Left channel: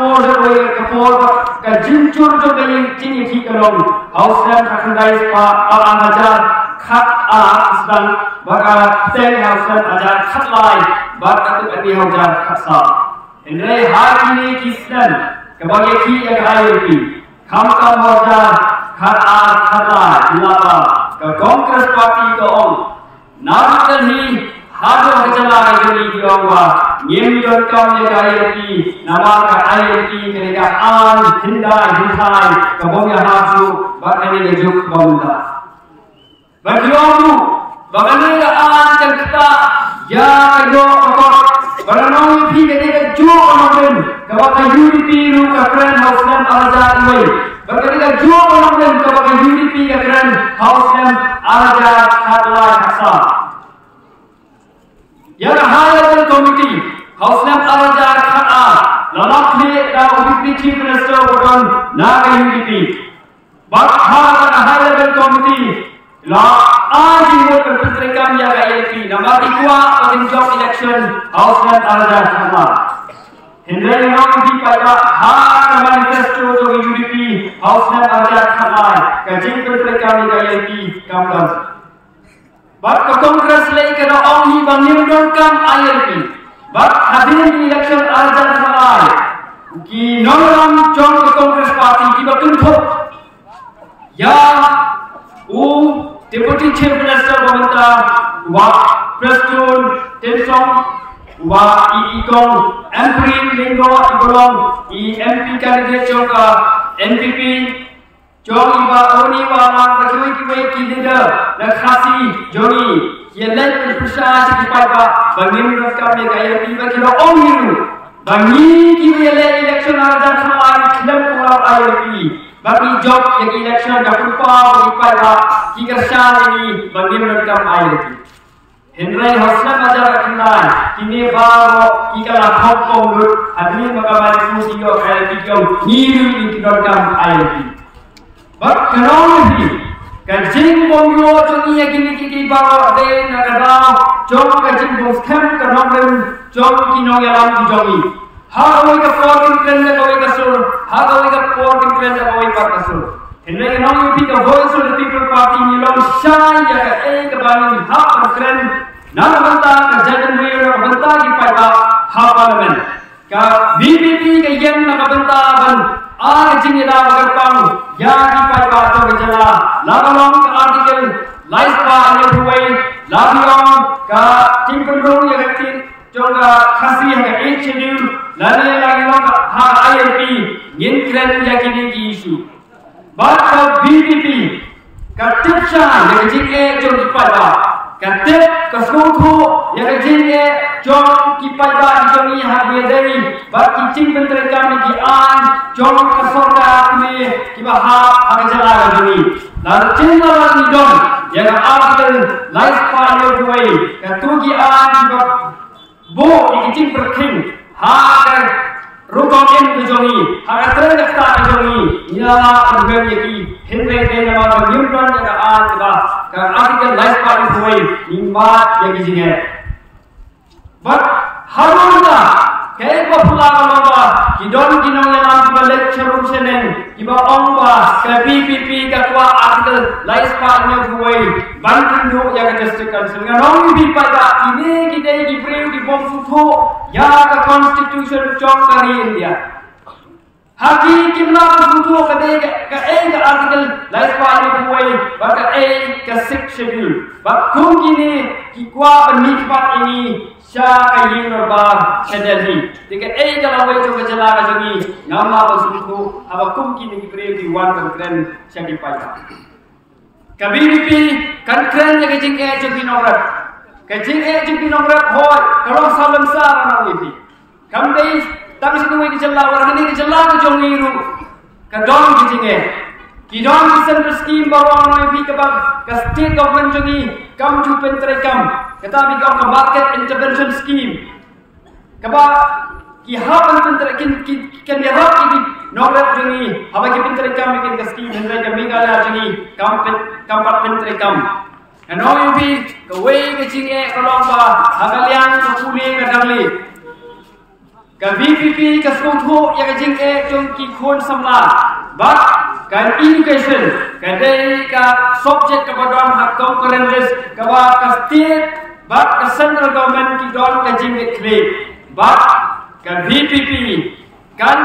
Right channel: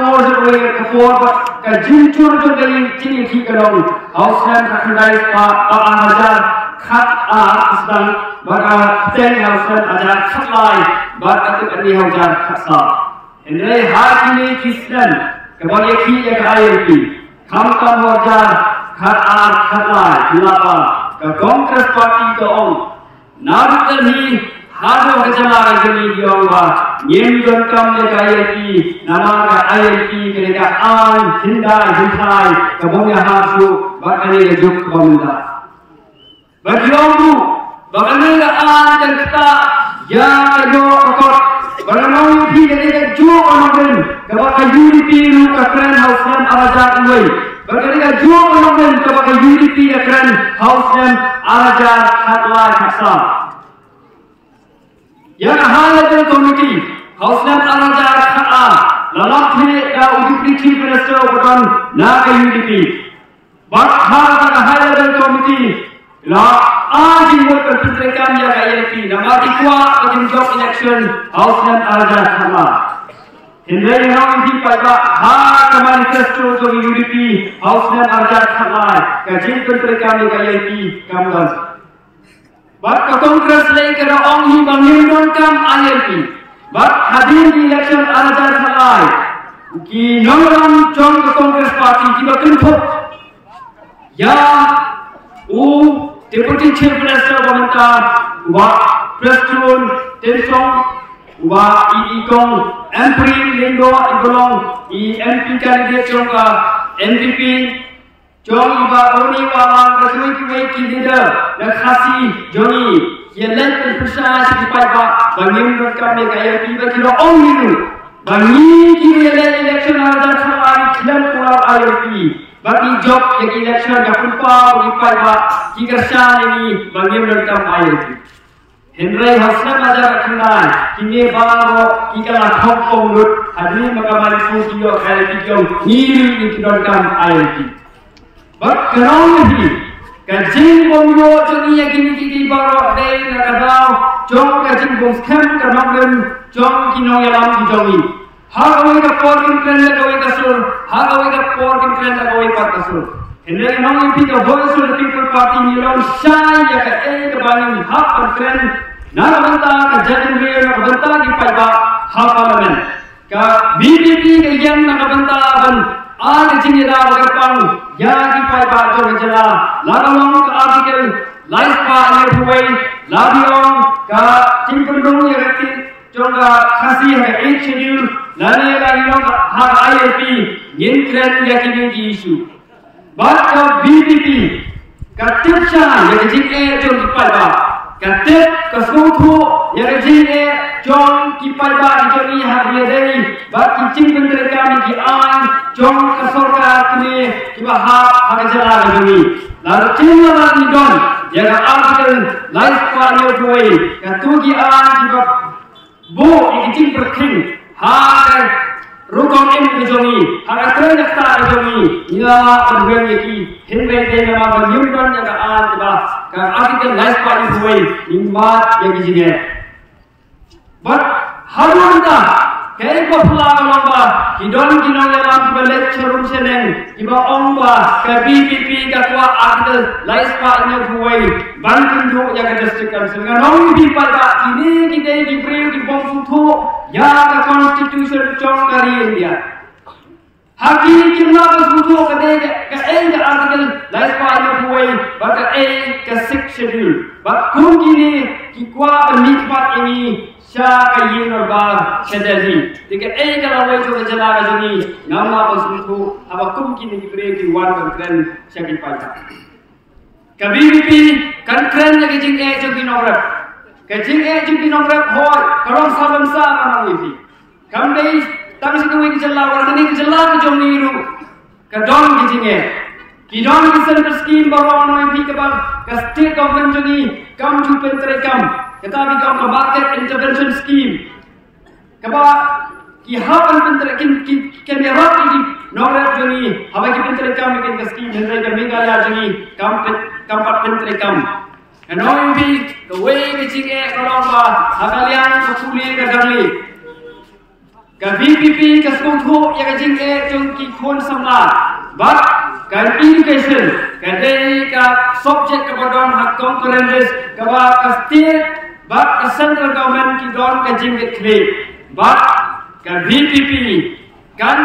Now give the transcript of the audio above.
4 January ke 4 ka jincur jo ga yin ting ki kalon hausan ka khandai pa ala hajar khat a asdan baka ten hausan hajar khat lai ba ka tu ani hajar khat sa enre ha kini kisdan ka bagi ki ya ka ayo ki kham tam hajar khat a khat lai lapa ka Congress party ko ong narutan ni hado kacala ka jeli diongwa nyemjon kam ne ka ayati nama ka ayati kerja an hindai hindai ka bongya hasu bakani ka juk bangda bagiongu bagani ka an jangta ya yo okor baranong phi ka ka juk amgen ka ba UDP ru ka kran hausam araja uai bagani ka juk amgen ka ba UDP ka kran hausam araja khatla khasa yang high level committee Hausam Arajar Kha'a lalakhi da UDP chief minister bukan naga UDP bakha high level committee la aji buat perpentrekan jaga ILP nama ikwa pada job election Hausam Arajar Kha'a Henry memang di pada hak manifesto to UDP Hausam Arajar Kha'a kajing perpentrekan jaga ILP kamdan Bat ke Kongres lagi kena ong hi bangim kam ILP. Bat hadir di election Arajar Khalai. Ki nongram jong ke Kongres parti ki bakunthuk. Ya Deputy Chief Minister pemerintah wa Preston Tensong wa Ikong MP Linggo Ibolong MP candidate jongka NPP Jong iba oni walang berkuih kuih leader dan khasi jongi yang lain berpercaya sekipai ba bangim rekam ni kaya tiba kilo ong itu bangi kini yang lain election Arajar Khalai kilam pulau ILP bagi job yang election dah lupa sekipai ba kikersan ini bangim rekam ILP Henry Hausam Arajar Khalai kini baru kikalah kongkong lut hadiri makamari kusiyo ILP jong ngiri ini kidonkan ILP Bak kenong ni, kajing bongyo jongi yakini kiki bawa de nakadao jong kajing bong scam kenong lem jong kinong yalam di jongi. Hagawai ka porkin kren lagawai ka sur, hagawai ka porkin kren lagawai par ka sur. Henry kenong ni pika voice of the people party nilong shy ya ka bangin hap par kren nakabanta ka jagan mayor nakabanta ki paiba hap parliament. Ka BBP ka yang nakabanta ban Aga jing ida magarpang ya ki pai ba to jala lagalong ka article life pa ne huwei lagiong ka timpenrong ya gatin jonga khasi ha 8 schedule lane lagilong ha ILP ngin kren ya ki ki issue bat ka BBP ka tipsa ya jing e jong ki pai ba ka tip ka sungkhu ya jing e jong ki pai ba jong ni ha dia dei bat ki jing bentre kami ki an jong ka sorga kini ki ba ha ha jala ga jong ni lalu cingala ni don ya ga article life pa ne huwei ka tu ki an ki ba bo ki jing berking ha ga rukong em ke jong ni ha ga tren ga ta ga jong ni nya urgem ye ki henwe de nama ba nyum don ya ga an ki ba ka article life pa ne huwei ni ma ya ki jing e But hayunda kaya ko pula ka lomba kidon kinong yalam kiba lecture room seneng kiba ongba ka BPP ka kwa article lais pa inyo huwei banting do ya ka district council nga nong bi pa ba ini kide ki breu ki bom futho ya ka constitution chong kari India haki kimla ka futho ka de ka article lais pa inyo huwei ba ka ka 6 schedule ba kum kini ki kwa penikmat ini Syaka yinor bag sedeli. Tiga kalau wei tu kejala kajungi ngamla pasungku abakum kini kibreu di wan keren syaki pai. KBP kan keren jaga jing jugi nongrat. Kajing jugi nongrat hoi kalau salam sarana wifi. Kamdei tapi situ wei kejala warga ni kejala kajongi ru. Kadon kajing Kidon kisan berskim baru orang wifi kebab ke state government jugi kam tu penterekam. Kita bigam ke market intervention scheme. Kaba ki hapan penterekin kan dia rap ki nongrat jungi haba ki penterekam bikin ke scheme hendai kami gala jungi kampat penterekam. Kanoi bi ke wei ke cinge kolong ba hagalian ke kuli ke dangli. Ka VPP ka skong thu ya ka jing e chung ki khun samla. But kan education ka dei ka subject ka badon hak concurrent list ka ba ka state but ka central government ki don ka jing e claim. But ka VPP kan